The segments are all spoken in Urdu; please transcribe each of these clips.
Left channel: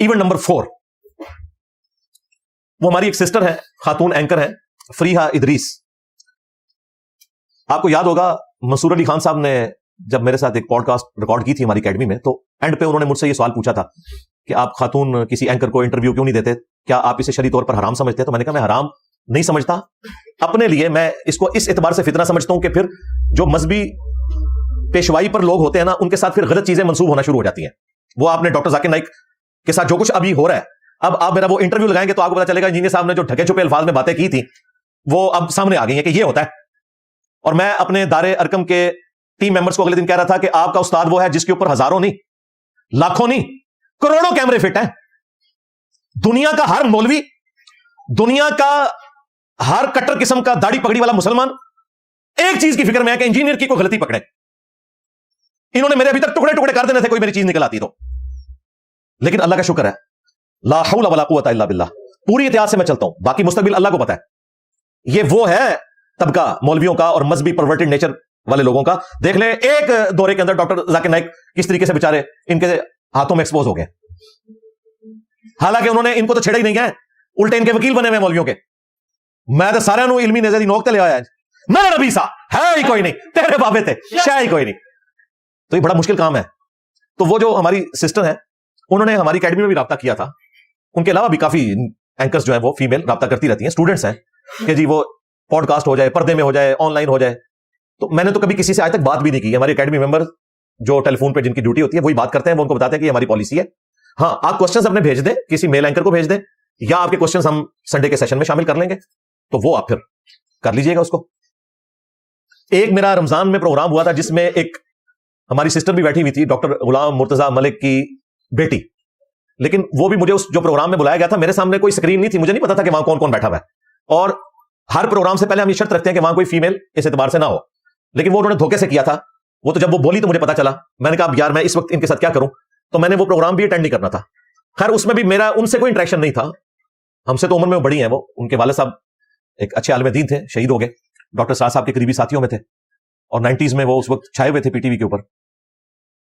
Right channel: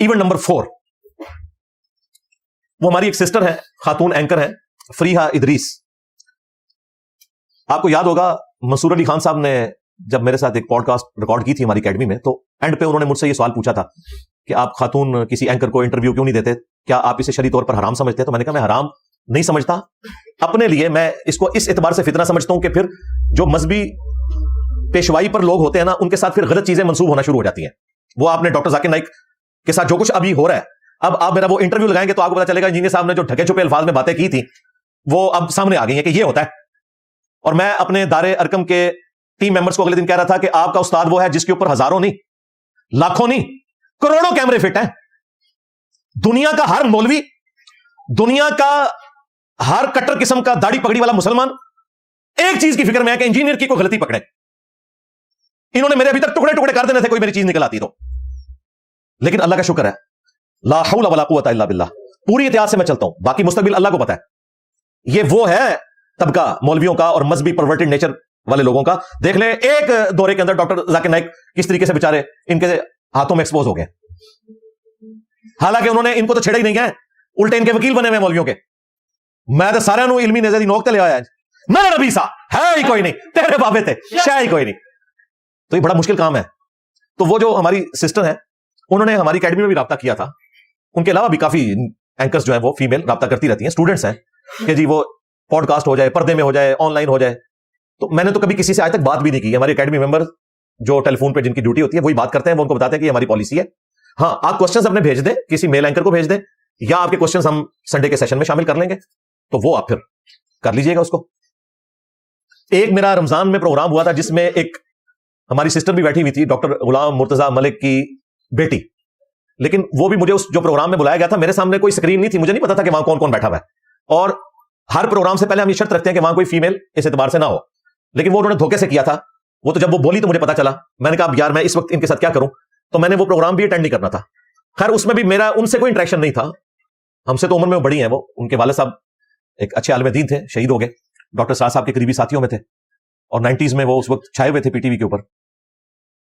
Event number 4. وہ ہماری ایک سسٹر ہے, خاتون اینکر ہے, فریحہ ادریس. آپ کو یاد ہوگا مسرور علی خان صاحب نے جب میرے ساتھ ایک پوڈ کاسٹ ریکارڈ کی تھی ہماری اکیڈمی میں, تو اینڈ پہ انہوں نے مجھ سے یہ سوال پوچھا تھا کہ آپ خاتون کسی اینکر کو انٹرویو کیوں نہیں دیتے, کیا آپ اسے شرعی طور پر حرام سمجھتے ہیں؟ تو میں نے کہا میں حرام نہیں سمجھتا, اپنے لیے میں اس کو اس اعتبار سے فتنہ سمجھتا ہوں کہ پھر جو مذہبی پیشوائی پر لوگ ہوتے ہیں نا, ان کے ساتھ پھر غلط چیزیں منسوخ ہونا شروع ہو جاتی ہیں. وہ آپ نے ڈاکٹر ذاکر نائک کے ساتھ جو کچھ ابھی ہو رہا ہے, اب آپ میرا وہ انٹرویو لگائیں گے تو آپ کو پتا چلے گا انجینئر صاحب نے جو ٹھگے چھپے الفاظ میں باتیں کی تھی وہ اب سامنے آ گئی ہیں کہ یہ ہوتا ہے. اور میں اپنے دار ارکم کے ٹیم ممبرز کو اگلے دن کہہ رہا تھا کہ آپ کا استاد وہ ہے جس کے اوپر ہزاروں نہیں, لاکھوں نہیں, کروڑوں کیمرے فٹ ہیں. دنیا کا ہر مولوی, دنیا کا ہر کٹر قسم کا داڑھی پگڑی والا مسلمان ایک چیز کی فکر میں ہے کہ انجینئر کی کوئی غلطی پکڑے. انہوں نے میرے ابھی تک ٹکڑے ٹکڑے کر دینے تھے کوئی میری چیز نکل آتی تو, لیکن اللہ کا شکر ہے, لا حول ولا قوت الا باللہ, پوری احتیاط سے میں چلتا ہوں, باقی مستقبل اللہ کو پتا ہے. یہ وہ ہے طبقہ مولویوں کا اور مذہبی پرورٹڈ نیچر والے لوگوں کا. دیکھ لیں ایک دورے کے اندر ڈاکٹر ذاکر نائک کس طریقے سے بیچارے ان کے ہاتھوں میں ایکسپوز ہو گئے, حالانکہ انہوں نے ان کو تو چھیڑا ہی نہیں گیا, الٹے ان کے وکیل بنے ہوئے مولویوں کے. میں تو سارا نو علمی نظری نوکتے لے آیا نہ ربی سا ہے ہی کوئی نہیں, تیرے بابے تھے شاہ ہی کوئی نہیں. تو یہ بڑا مشکل کام ہے. تو وہ جو ہماری سسٹر ہے انہوں نے ہماری اکیڈمی میں بھی رابطہ کیا تھا. ان کے علاوہ بھی کافی اینکرز جو ہے وہ فیمیل رابطہ کرتی رہتی ہیں, اسٹوڈنٹس ہیں کہ جی وہ پوڈ کاسٹ ہو جائے, پردے میں ہو جائے, آن لائن ہو جائے. تو میں نے تو کبھی کسی سے آج تک بات بھی نہیں کی. ہماری اکیڈمی ممبر جو ٹیلی فون پہ جن کی ڈیوٹی ہوتی ہے وہی بات کرتے ہیں, وہ ان کو بتاتے ہیں کہ یہ ہماری پالیسی ہے. ہاں, آپ کوشچنز اپنے بھیج دیں, کسی میل اینکر کو بھیج دیں, یا آپ کے کوشچنز ہم سنڈے کے سیشن میں شامل کر لیں گے, تو وہ آپ پھر کر لیجئے گا اس کو. ایک میرا رمضان میں پروگرام ہوا تھا جس میں ایک ہماری سسٹر بھی بیٹھی ہوئی تھی, ڈاکٹر غلام مرتضی ملک کی بیٹی. لیکن وہ بھی مجھے اس جو پروگرام میں بلایا گیا تھا, میرے سامنے کوئی اسکرین نہیں تھی, مجھے نہیں پتا تھا کہ وہاں کون کون بیٹھا ہوا ہے. اور ہر پروگرام سے پہلے ہم یہ شرط رکھتے ہیں کہ وہاں کوئی فیمیل اس اعتبار سے نہ ہو. لیکن وہ انہوں نے دھوکے سے کیا تھا. وہ تو جب وہ بولی تو مجھے پتا چلا, میں نے کہا یار میں اس وقت ان کے ساتھ کیا کروں, تو میں نے وہ پروگرام بھی اٹینڈ نہیں کرنا تھا. خیر اس میں بھی میرا ان سے کوئی انٹریکشن نہیں تھا, ہم سے تو عمر میں بڑی ہیں وہ. ان کے والد صاحب ایک اچھے عالم دین تھے, شہید ہو گئے, ڈاکٹر صاحب کے قریبی ساتھیوں میں تھے, اور 90s میں وہ اس وقت چھائے ہوئے تھے پی ٹی وی کے اوپر.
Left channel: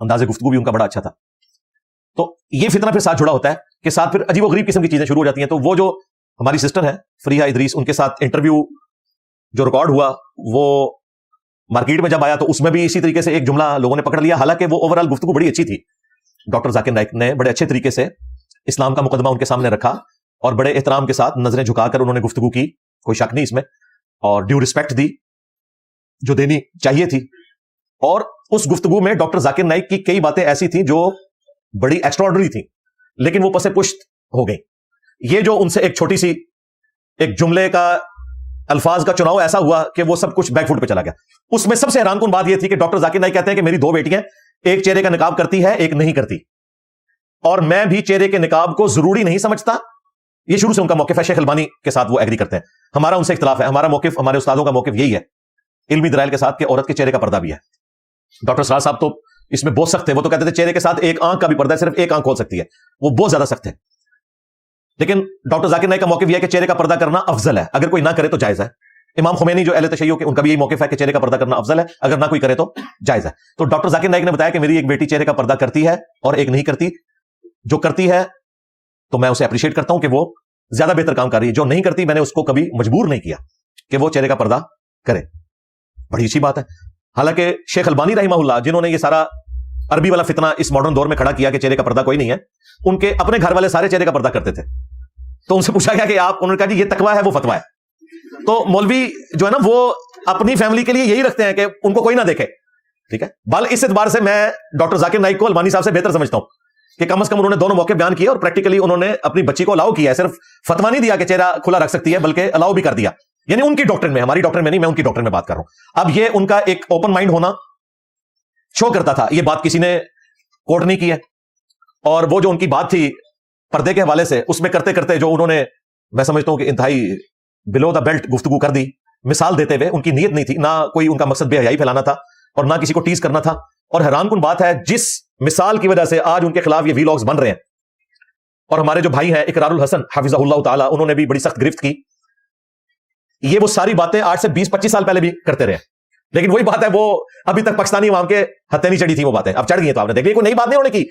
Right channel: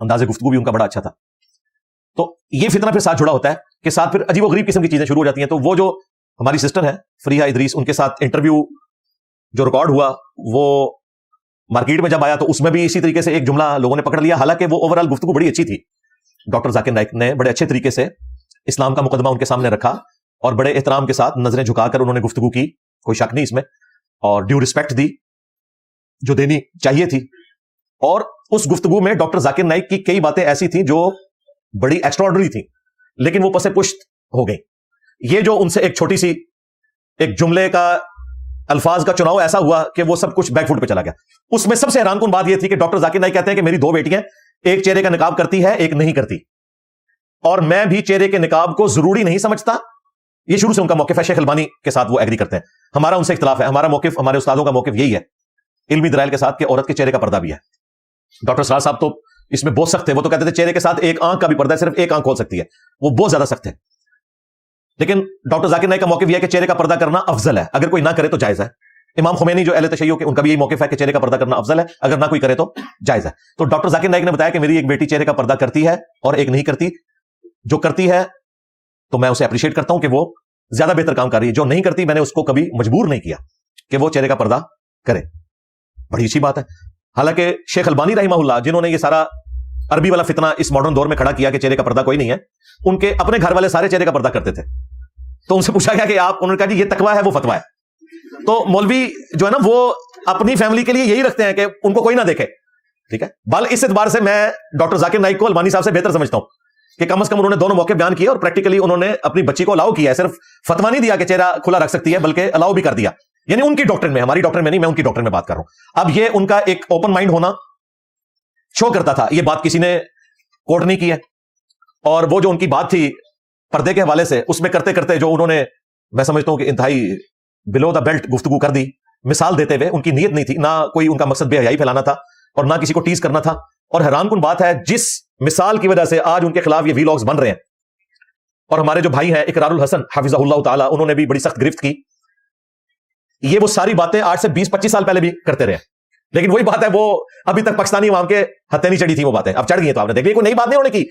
انداز گفتگو بھی ان کا بڑا اچھا تھا. تو یہ فتنہ پھر ساتھ جڑا ہوتا ہے کہ ساتھ پھر عجیب و غریب قسم کی چیزیں شروع ہو جاتی ہیں. تو وہ جو ہماری سسٹر ہے فریحہ ادریس, ان کے ساتھ انٹرویو جو ریکارڈ ہوا وہ مارکیٹ میں جب آیا تو اس میں بھی اسی طریقے سے ایک جملہ لوگوں نے پکڑ لیا, حالانکہ وہ اوور آل گفتگو بڑی اچھی تھی. ڈاکٹر ذاکر نائک نے بڑے اچھے طریقے سے اسلام کا مقدمہ ان کے سامنے رکھا, اور بڑے احترام کے ساتھ نظریں جھکا کر انہوں نے گفتگو کی, کوئی شک نہیں اس میں, اور ڈیو رسپیکٹ دی جو دینی چاہیے تھی. اور اس گفتگو میں ڈاکٹر ذاکر نائک کی کئی باتیں ایسی تھیں جو بڑی ایکسٹراڈنری تھی, لیکن وہ پس پشت ہو گئی. یہ جو ان سے ایک چھوٹی سی ایک جملے کا الفاظ کا چناؤ ایسا ہوا کہ وہ سب کچھ بیک فٹ پہ چلا گیا. اس میں سب سے حیران کن بات یہ تھی کہ ڈاکٹر ذاکر نائک کہتے ہیں کہ میری 2 بیٹیاں, ایک چہرے کا نقاب کرتی ہے, ایک نہیں کرتی, اور میں بھی چہرے کے نقاب کو ضروری نہیں سمجھتا. یہ شروع سے ان کا موقف ہے. شیخ البانی کے ساتھ وہ ایگری کرتے ہیں, ہمارا ان سے اختلاف ہے. ہمارا موقف, ہمارے استادوں کا موقف یہی ہے علمی دلائل کے ساتھ کہ عورت کے چہرے کا پردہ بھی ہے. ڈاکٹر صاحب تو اس میں بہت سخت ہے, وہ تو کہتے تھے چہرے کے ساتھ ایک آنکھ کا بھی پردہ, صرف ایک آنکھ کھول سکتی ہے, وہ بہت زیادہ سخت ہے. لیکن ڈاکٹر ذاکر نائک کا موقف یہ ہے کہ چہرے کا پردہ کرنا افضل ہے, اگر کوئی نہ کرے تو جائز ہے. امام خمینی جو اہل تشیع کے, ان کا بھی یہی موقف ہے کہ چہرے کا پردہ کرنا افضل ہے, اگر نہ کوئی کرے تو جائز ہے. تو ڈاکٹر ذاکر نائک نے بتایا کہ میری ایک بیٹی چہرے کا پردہ کرتی ہے اور ایک نہیں کرتی. جو کرتی ہے تو میں اسے اپریشیٹ کرتا ہوں کہ وہ زیادہ بہتر کام کر رہی ہے. جو نہیں کرتی میں نے اس کو کبھی مجبور نہیں کیا کہ وہ چہرے کا پردہ کرے. بڑی اچھی بات ہے. حالانکہ شیخ البانی رحمہ اللہ, جنہوں نے یہ سارا عربی والا فتنہ اس ماڈرن دور میں کھڑا کیا کہ چہرے کا پردہ کوئی نہیں ہے, ان کے اپنے گھر والے سارے چہرے کا پردہ کرتے تھے. تو ان سے پوچھا گیا کہ آپ, انہوں نے کہا جی یہ تقویٰ ہے, وہ فتویٰ ہے. تو مولوی جو ہے نا وہ اپنی فیملی کے لیے یہی رکھتے ہیں کہ ان کو کوئی نہ دیکھے, ٹھیک ہے. بل اس اعتبار سے میں ڈاکٹر ذاکر نائک کو البانی صاحب سے بہتر سمجھتا ہوں کہ کم از کم انہوں نے دونوں موقع بیان کیے, اور پریکٹیکلی انہوں نے اپنی بچی کو الاؤ کیا ہے. صرف فتویٰ نہیں دیا کہ چہرہ کھلا رکھ سکتی ہے, بلکہ الاؤ بھی کر دیا. یعنی ان کی ڈاکٹر میں, ہماری ڈاکٹر میں نہیں, میں ان کی ڈاکٹر میں بات کر رہا ہوں. اب یہ ان کا ایک اوپن مائنڈ ہونا شو کرتا تھا. یہ بات کسی نے کوٹ نہیں کی ہے, اور وہ جو ان کی بات تھی پردے کے حوالے سے, اس میں کرتے کرتے جو انہوں نے, میں سمجھتا ہوں کہ انتہائی بلو دا بیلٹ گفتگو کر دی, مثال دیتے ہوئے. ان کی نیت نہیں تھی, نہ کوئی ان کا مقصد بے حیائی پھیلانا تھا, اور نہ کسی کو ٹیز کرنا تھا. اور حیران کن بات ہے, جس مثال کی وجہ سے آج ان کے خلاف یہ ویلاگز بن رہے ہیں, اور ہمارے جو بھائی ہیں اقرار الحسن حفظہ اللہ تعالی, انہوں نے بھی بڑی سخت گرفت کی. یہ وہ ساری باتیں آج سے 20-25 سال پہلے بھی کرتے رہے, لیکن وہی بات ہے وہ ابھی تک پاکستانی عوام کے ہتھے نہیں چڑھی تھی وہ باتیں, اب چڑھ گئی ہیں. تو آپ نے دیکھا کوئی نئی بات نہیں انہوں نے کی.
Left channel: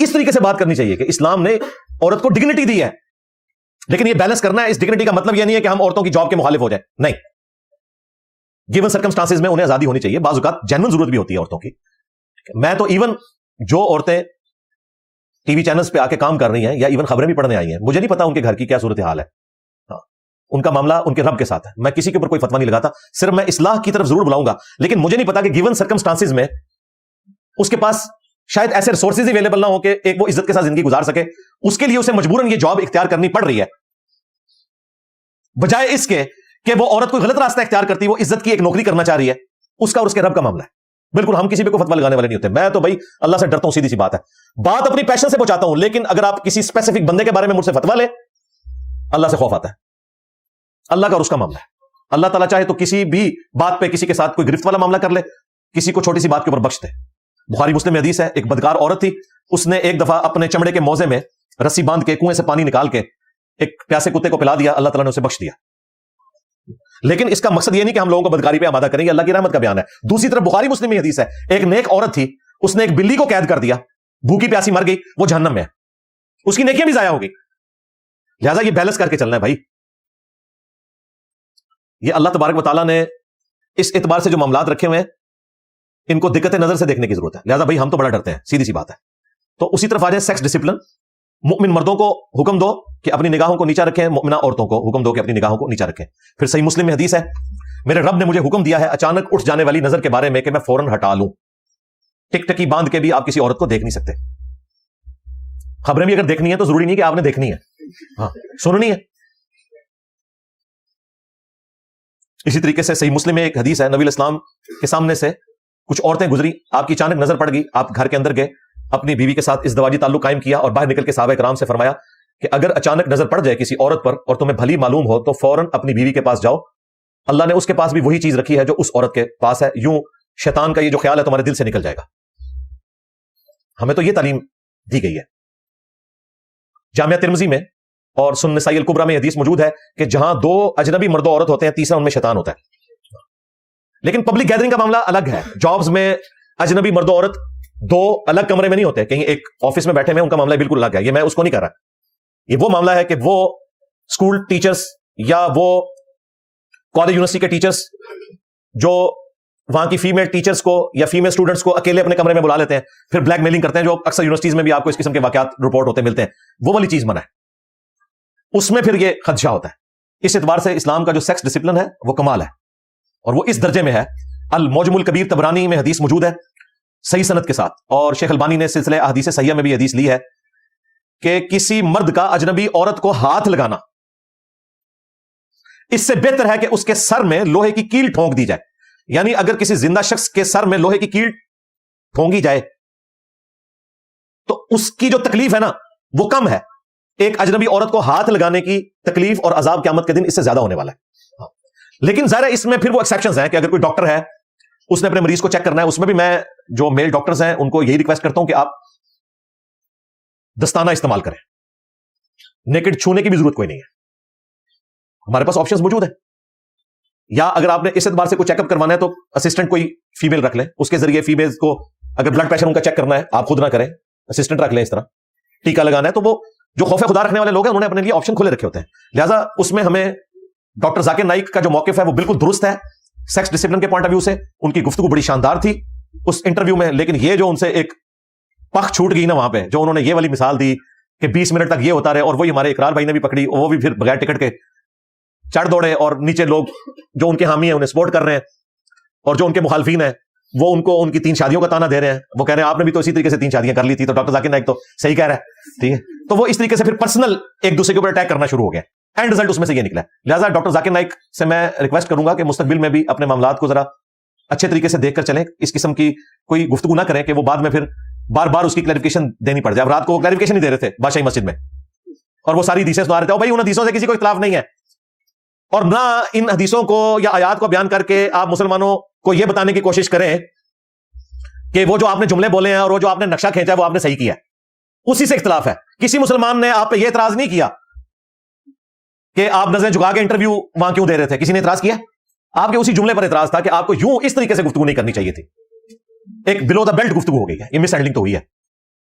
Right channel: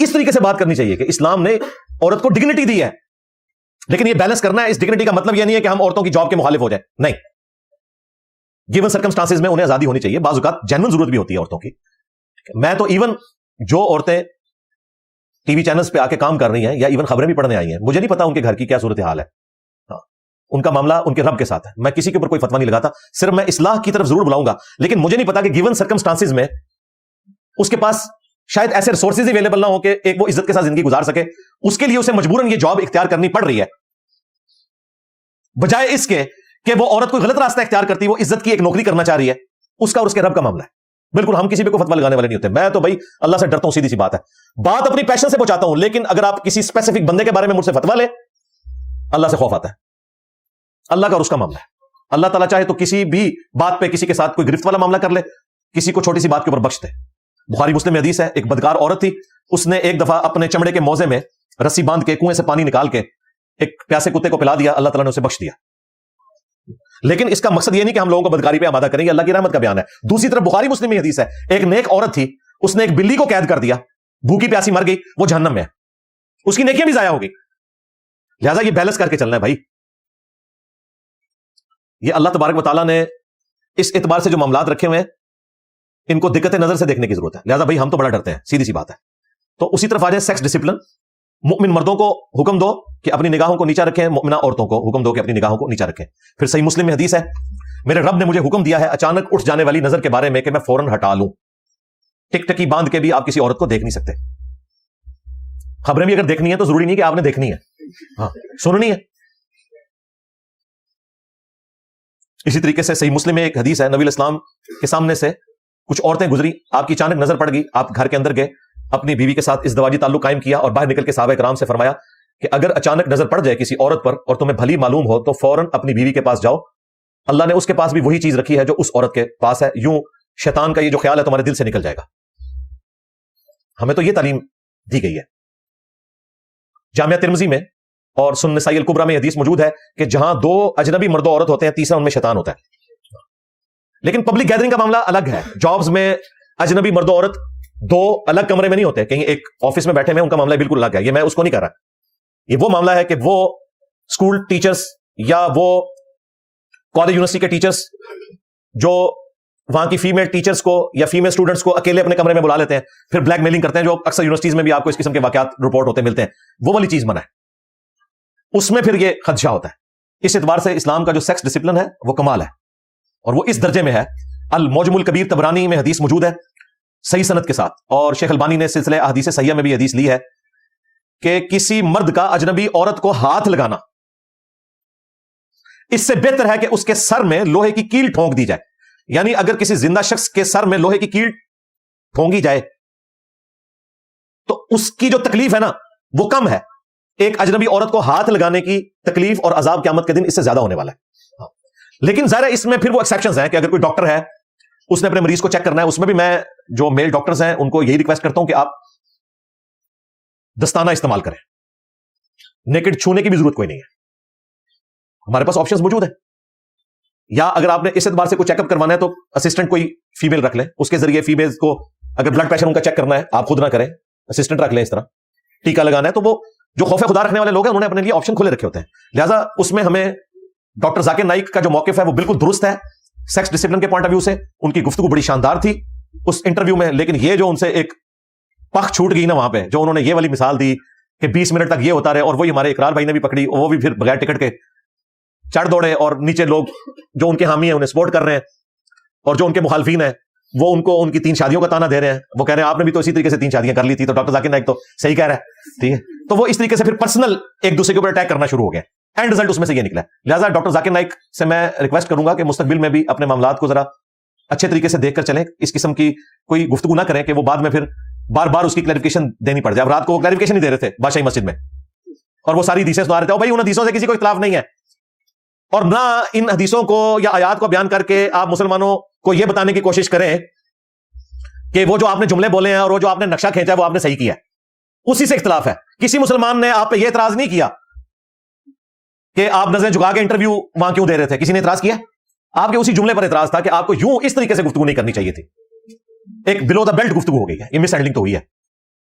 اس طریقے سے بات کرنی چاہیے کہ اسلام نے عورت کو ڈگنیٹی دی ہے، لیکن یہ بیلنس کرنا ہے. اس ڈگنیٹی کا مطلب یہ نہیں ہے کہ ہم عورتوں کی جاب کے مخالف ہو جائیں، نہیں. گیون سرکمسٹانسز میں انہیں آزادی ہونی چاہیے. بعض اوقات جینوئن ضرورت بھی ہوتی ہے عورتوں کی. میں تو ایون جو عورتیں ٹی وی چینلز پہ آ کے کام کر رہی ہیں یا ایون خبریں بھی پڑھنے آئی ہیں، مجھے نہیں پتا ان کے گھر کی کیا صورتحال ہے. ان کا معاملہ ان کے رب کے ساتھ ہے. میں کسی کے اوپر کوئی فتویٰ نہیں لگاتا، صرف میں اصلاح کی طرف ضرور بلاؤں گا. لیکن مجھے نہیں پتا کہ گیون سرکمسٹانسز میں اس کے پاس شاید ایسے ریسورسز اویلیبل نہ ہو کہ ایک وہ عزت کے ساتھ زندگی گزار سکے. اس کے لیے اسے مجبوراً یہ جاب اختیار کرنی پڑ رہی ہے، بجائے اس کے کہ وہ عورت کوئی غلط راستہ اختیار کرتی، وہ عزت کی ایک نوکری کرنا چاہ رہی ہے. اس کا اور اس کے رب کا معاملہ ہے. بالکل ہم کسی پہ کوئی فتویٰ لگانے والے نہیں ہوتے. میں تو بھائی اللہ سے ڈرتا ہوں، سیدھی سی بات ہے. بات اپنی پیشن سے پہنچاتا ہوں، لیکن اگر آپ کسی اسپیسیفک بندے کے بارے میں مجھ سے فتویٰ لیں، اللہ سے خوف آتا ہے. اللہ کا اور اس کا معاملہ ہے. اللہ تعالیٰ چاہے تو کسی بھی بات پہ کسی کے ساتھ کوئی گرفت والا معاملہ کر لے، کسی کو چھوٹی سی بات کے اوپر بخش دے. بخاری مسلم میں حدیث ہے، ایک بدکار عورت تھی، اس نے ایک دفعہ اپنے چمڑے کے موزے میں رسی باندھ کے کنویں سے پانی نکال کے ایک پیاسے کتے کو پلا دیا. اللہ تعالیٰ نے اسے بخش دیا. لیکن اس کا مقصد یہ نہیں کہ ہم لوگوں کو بدکاری پہ آمادہ کریں گے، اللہ کی رحمت کا بیان ہے. دوسری طرف بخاری مسلم میں حدیث ہے، ایک نیک عورت تھی، اس نے ایک بلی کو قید کر دیا، بھوکی پیاسی مر گئی، وہ جہنم میں ہے، اس کی نیکیاں بھی ضائع ہو گئی. لہذا یہ بیلنس کر کے چلنا ہے بھائی. یہ اللہ تبارک و تعالیٰ نے اس اعتبار سے جو معاملات رکھے ہوئے ہیں، ان کو دقت نظر سے دیکھنے کی ضرورت ہے. لہذا بھائی ہم تو بڑا ڈرتے ہیں، سیدھی سی بات ہے. تو اسی طرف آ جائیں سیکس ڈسپلن. مؤمن مردوں کو حکم دو کہ اپنی نگاہوں کو نیچا رکھیں، مؤمنہ عورتوں کو حکم دو کہ اپنی نگاہوں کو نیچا رکھیں. پھر صحیح مسلم میں حدیث ہے، میرے رب نے مجھے حکم دیا ہے اچانک اٹھ جانے والی نظر کے بارے میں کہ میں فوراً ہٹا لوں. ٹک ٹکی باندھ کے بھی آپ کسی عورت کو دیکھ نہیں سکتے. خبریں بھی اگر دیکھنی ہے تو ضروری نہیں کہ آپ نے دیکھنی ہے، سننی ہے. اسی طریقے سے صحیح مسلم میں ایک حدیث ہے، نبی علیہ السلام کے سامنے سے کچھ عورتیں گزری، آپ کی اچانک نظر پڑ گئی، آپ گھر کے اندر گئے، اپنی بیوی کے ساتھ ازدواجی تعلق قائم کیا اور باہر نکل کے صحابہ کرام سے فرمایا کہ اگر اچانک نظر پڑ جائے کسی عورت پر اور تمہیں بھلی معلوم ہو تو فوراً اپنی بیوی کے پاس جاؤ، اللہ نے اس کے پاس بھی وہی چیز رکھی ہے جو اس عورت کے پاس ہے. یوں شیطان کا یہ جو خیال ہے تمہارے دل سے نکل جائے گا. ہمیں تو یہ تعلیم دی گئی ہے. جامعہ ترمذی میں اور سنن نسائی الکبریٰ میں حدیث موجود ہے کہ جہاں دو اجنبی مرد و عورت ہوتے ہیں، تیسرا ان میں شیطان ہوتا ہے. لیکن پبلک گیدرنگ کا معاملہ الگ ہے. جابز میں اجنبی مرد و عورت دو الگ کمرے میں نہیں ہوتے، کہیں ایک آفس میں بیٹھے ہوئے، ان کا معاملہ بالکل الگ ہے. یہ میں اس کو نہیں کر رہا. یہ وہ معاملہ ہے کہ وہ اسکول ٹیچرز یا وہ کالج یونیورسٹی کے ٹیچرز جو وہاں کی فیمیل ٹیچرز کو یا فیمیل اسٹوڈنٹس کو اکیلے اپنے کمرے میں بلا لیتے ہیں، پھر بلیک میلنگ کرتے ہیں، جو اکثر یونیورسٹیز میں بھی آپ کو اس قسم کے واقعات رپورٹ ہوتے ملتے ہیں. وہ والی چیز منع ہے. اس میں پھر یہ خدشہ ہوتا ہے. اس اعتبار سے اسلام کا جو سیکس ڈسپلن ہے وہ کمال ہے، اور وہ اس درجے میں ہے. المعجم الکبیر طبرانی میں حدیث موجود ہے صحیح سند کے ساتھ، اور شیخ البانی نے سلسلہ احادیث صحیحہ میں بھی حدیث لی ہے کہ کسی مرد کا اجنبی عورت کو ہاتھ لگانا اس سے بہتر ہے کہ اس کے سر میں لوہے کی کیل ٹھونک دی جائے. یعنی اگر کسی زندہ شخص کے سر میں لوہے کی کیل ٹھونکی جائے تو اس کی جو تکلیف ہے نا وہ کم ہے. ایک اجنبی عورت کو ہاتھ لگانے کی تکلیف اور عذاب قیامت کے دن اس سے زیادہ ہونے والا ہے. لیکن ظاہر اس میں پھر وہ ایکسیپشنز ہیں کہ اگر کوئی ڈاکٹر ہے، اس نے اپنے مریض کو چیک کرنا ہے، اس میں بھی میں جو میل ڈاکٹرز ہیں ان کو یہی ریکویسٹ کرتا ہوں کہ آپ دستانہ استعمال کریں. نیکڈ چھونے کی بھی ضرورت کوئی نہیں ہے، ہمارے پاس آپشنز موجود ہیں. یا اگر آپ نے اس اعتبار سے کوئی چیک اپ کروانا ہے تو اسسٹنٹ کوئی فیمیل رکھ لیں، اس کے ذریعے فیمیلز کو اگر بلڈ پریشر ان کا چیک کرنا ہے آپ خود نہ کریں، اسسٹنٹ رکھ لیں. اس طرح ٹیکا لگانا ہے تو وہ جو خوف خدا رکھنے والے لوگ ہیں انہوں نے اپنے لیے آپشن کھلے رکھے ہوتے ہیں. لہٰذا اس میں ہمیں ڈاکٹر ذاکر نائک کا جو موقف ہے وہ بالکل درست ہے سیکس ڈسپلن کے پوائنٹ آف ویو سے. ان کی گفتگو بڑی شاندار تھی اس انٹرویو میں، لیکن یہ جو ان سے ایک پخ چھوٹ گئی نا وہاں پہ، جو انہوں نے یہ والی مثال دی کہ 20 منٹ تک یہ ہوتا رہے، اور وہی ہمارے اقرار بھائی نے بھی پکڑی، وہ بھی پھر بغیر ٹکٹ کے چڑھ دوڑے، اور نیچے لوگ جو ان کے حامی ہیں انہیں سپورٹ کر رہے ہیں، اور جو ان کے مخالفین ہیں وہ ان کو ان کی 3 شادیوں کا تانا دے رہے ہیں. وہ کہہ رہے ہیں آپ نے بھی تو اسی طریقے سے 3 شادیاں کر لی تھی. تو ڈاکٹر ذاکر نائک تو صحیح کہہ رہا ہے، ٹھیک ہے. تو وہ اس طریقے سے پھر پرسنل ایک دوسرے کے اوپر اٹیک کرنا شروع ہو گیا. اینڈ رزلٹ اس میں سے یہ نکلا. لہٰذا ڈاکٹر ذاکر نائک سے میں ریکویسٹ کروں گا کہ مستقبل میں بھی اپنے معاملات کو ذرا اچھے طریقے سے دیکھ کر چلیں. اس قسم کی کوئی گفتگو نہ کریں کہ وہ بعد میں پھر بار بار اس کی کلیریفیکیشن دینی پڑ جائے. اب رات کو وہ کلیریفیکیشن نہیں دے رہے تھے بادشاہی مسجد میں، اور وہ ساری حدیثیں سنا رہے تھے. بھائی ان حدیثوں سے کسی کو اختلاف نہیں ہے، اور نہ ان حدیثوں کو یا آیات کو بیان کر کے آپ مسلمانوں کو یہ بتانے کی کوشش کریں کہ وہ جو آپ نے جملے بولے ہیں اور وہ جو آپ نے نقشہ کھینچا ہے وہ آپ نے صحیح کیا. اسی سے اختلاف ہے. کسی مسلمان نے آپ پہ یہ اعتراض نہیں کیا کہ آپ نظریں جھکا کے انٹرویو وہاں کیوں دے رہے تھے. کسی نے اعتراض کیا؟ آپ کے اسی جملے پر اعتراض تھا کہ آپ کو یوں اس طریقے سے گفتگو نہیں کرنی چاہیے تھی. ایک بلو دا بیلٹ گفتگو ہو گئی ہے، یہ مس ہینڈلنگ تو ہوئی ہے.